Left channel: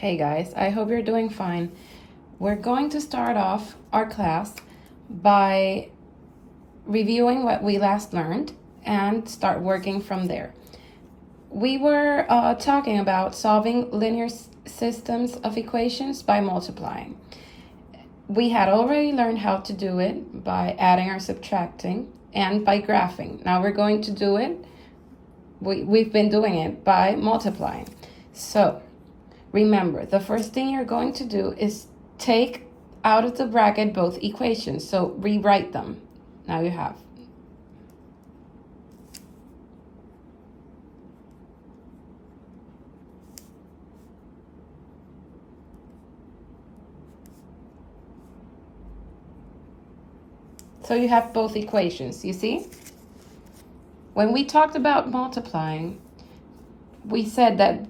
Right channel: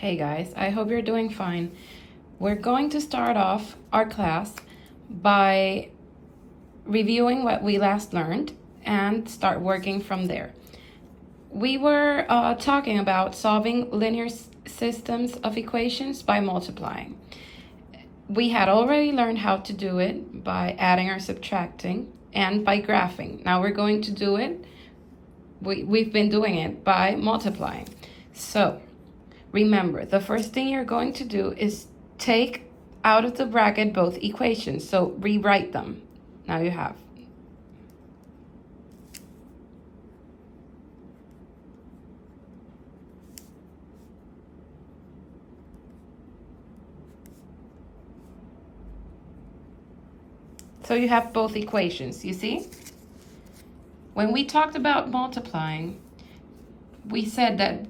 Hey guys, I hope you're doing fine. We're going to start off our class by reviewing what we last learned and start working from there. We were talking about solving linear systems of equations by multiplying. We had already learned how to do it by adding or subtracting and by graphing. Now we're going to do it, we've been doing it by multiplying. So remember, the first thing you're going to do is take out of the bracket both equations. So rewrite them. Now you have. So you have both equations, you see? When we talked about multiplying, we said that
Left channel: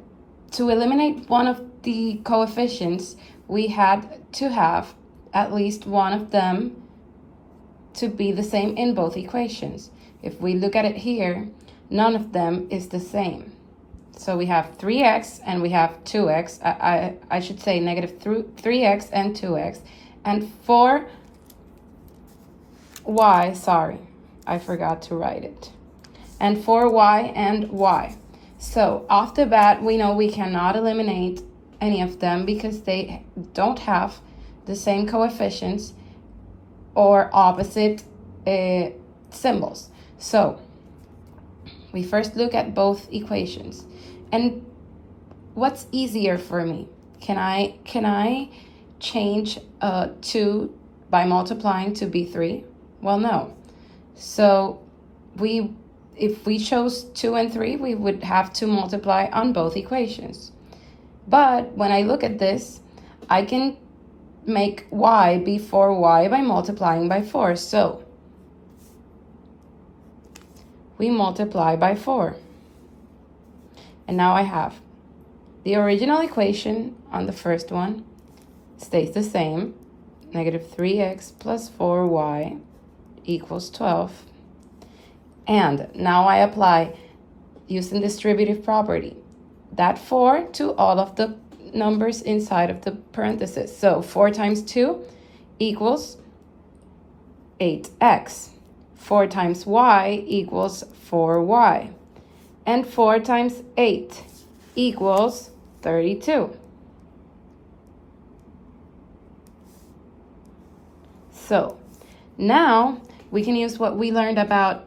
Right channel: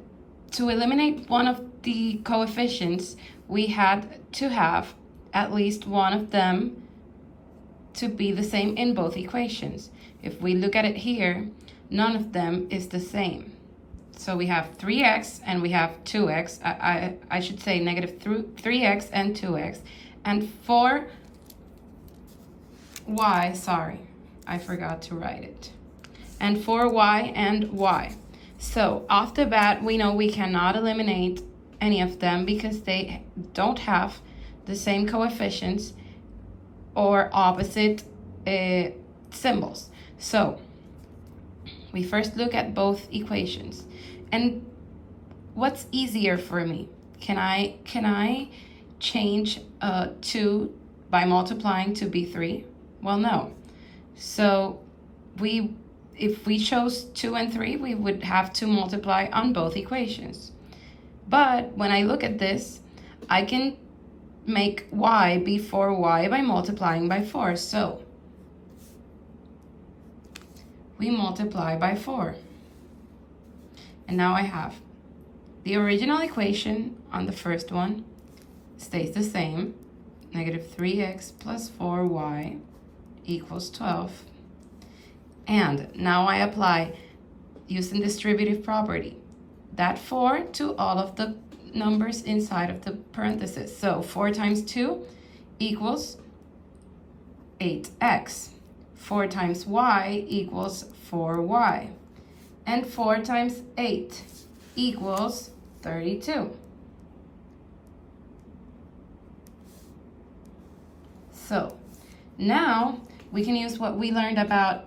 to eliminate one of the coefficients, we had to have at least one of them to be the same in both equations. If we look at it here, none of them is the same. So we have 3x and we have 2x. I should say negative 3x and 2x. And 4y, sorry, I forgot to write it. And 4y and y. So off the bat, we know we cannot eliminate any of them because they don't have the same coefficients or opposite symbols. So we first look at both equations. And what's easier for me? Can I change 2 by multiplying to be 3? Well, no. So if we chose 2 and 3, we would have to multiply on both equations. But when I look at this, I can make y be 4y by multiplying by 4. So we multiply by 4. And now I have the original equation on the first one stays the same. Negative 3x plus 4y equals 12. And now I apply, using distributive property, that 4 to all of the numbers inside of the parentheses. So 4 times 2 equals 8x. 4 times y equals 4y. And 4 times 8 equals 32. So now we can use what we learned about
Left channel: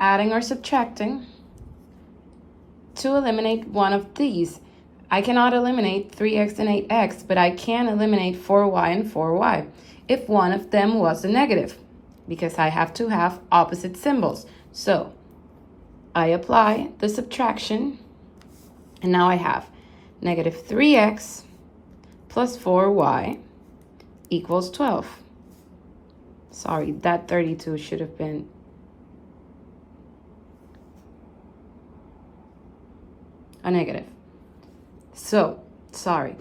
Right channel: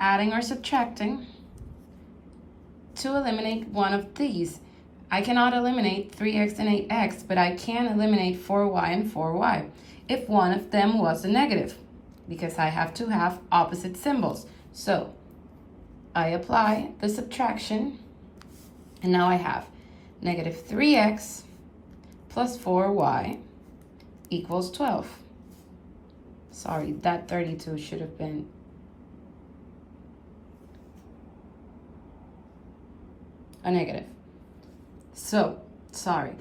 adding or subtracting to eliminate one of these. I cannot eliminate 3x and 8x, but I can eliminate 4y and 4y if one of them was a negative, because I have to have opposite symbols. So I apply the subtraction, and now I have negative 3x plus 4y equals 12. Sorry, that 32 should have been a negative. So, sorry.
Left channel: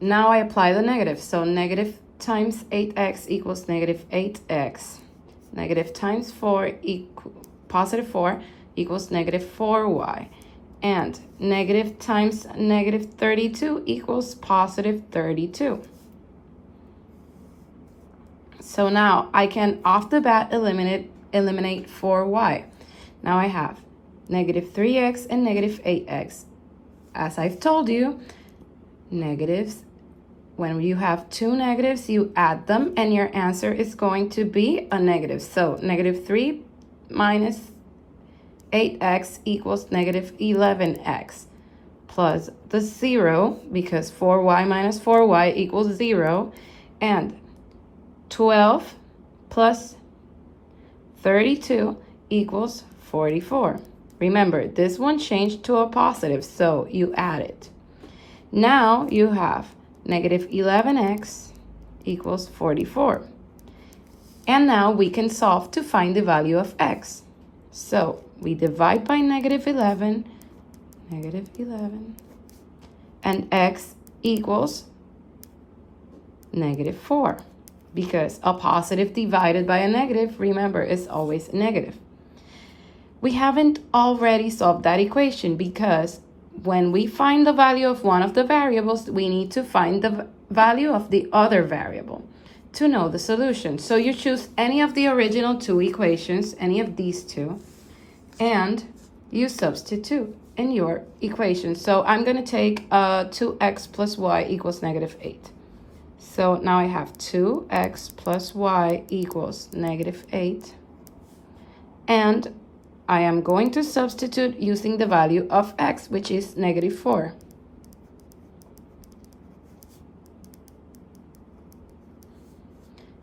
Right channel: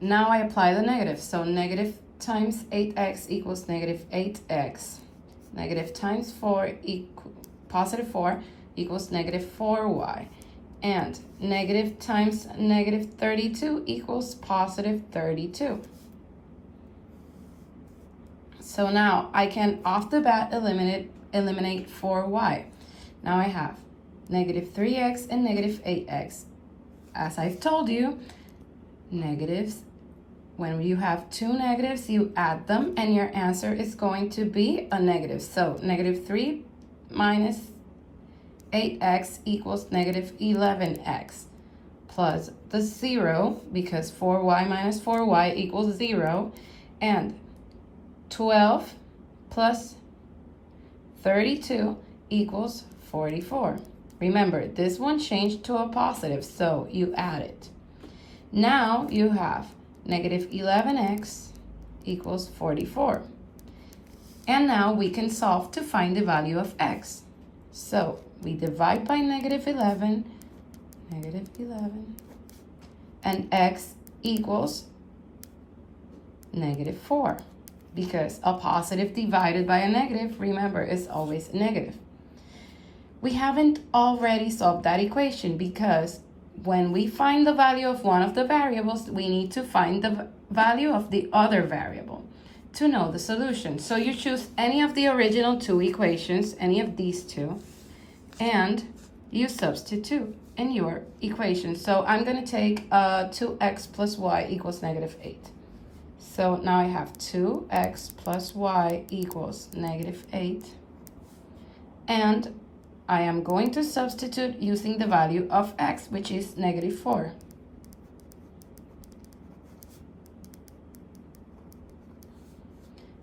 Now I apply the negative. So negative times 8x equals negative 8x. Negative times 4 positive 4 equals negative 4y. And negative times negative 32 equals positive 32. So now I can off the bat eliminate 4y. Now I have negative 3x and negative 8x. As I've told you, negatives, when you have two negatives, you add them and your answer is going to be a negative. So negative 3 minus 8x equals negative 11x plus the 0, because 4y minus 4y equals 0, and 12 plus 32 equals 44. Remember, this one changed to a positive, so you add it. Now you have negative 11x equals 44. And now we can solve to find the value of x. So we divide by negative 11, and x equals negative 4. Because a positive divided by a negative, remember, is always negative. We haven't already solved that equation because when we find the value of one of the variables, we need to find the value of the other variable to know the solution. So you choose any of the original two equations, any of these two, and you substitute in your equation. So I'm going to take 2x plus y equals negative 8. So now I have 2x plus y equals negative 8. And I am going to substitute using the value of x, which is negative 4.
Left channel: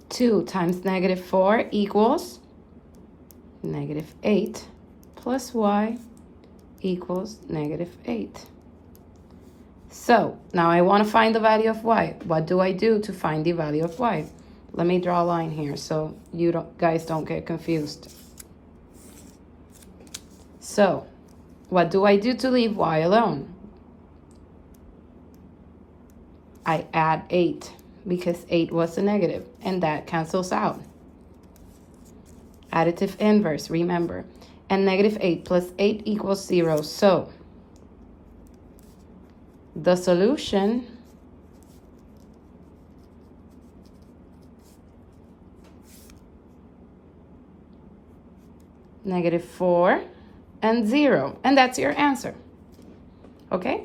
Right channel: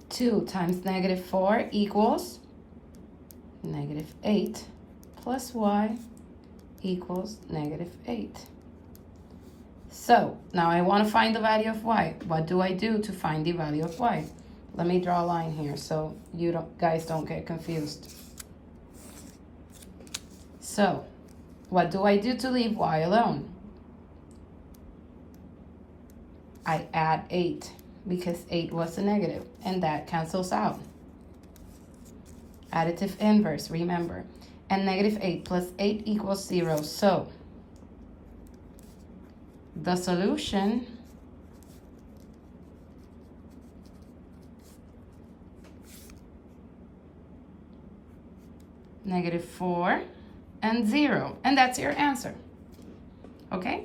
Two times negative 4 equals negative 8 plus y equals negative 8. So now I want to find the value of y. What do I do to find the value of y? Let me draw a line here so you guys don't get confused. So what do I do to leave y alone? I add 8 because 8 was a negative, and that cancels out. Additive inverse, remember. And negative 8 plus 8 equals 0. So the solution negative 4 and 0. And that's your answer. Okay?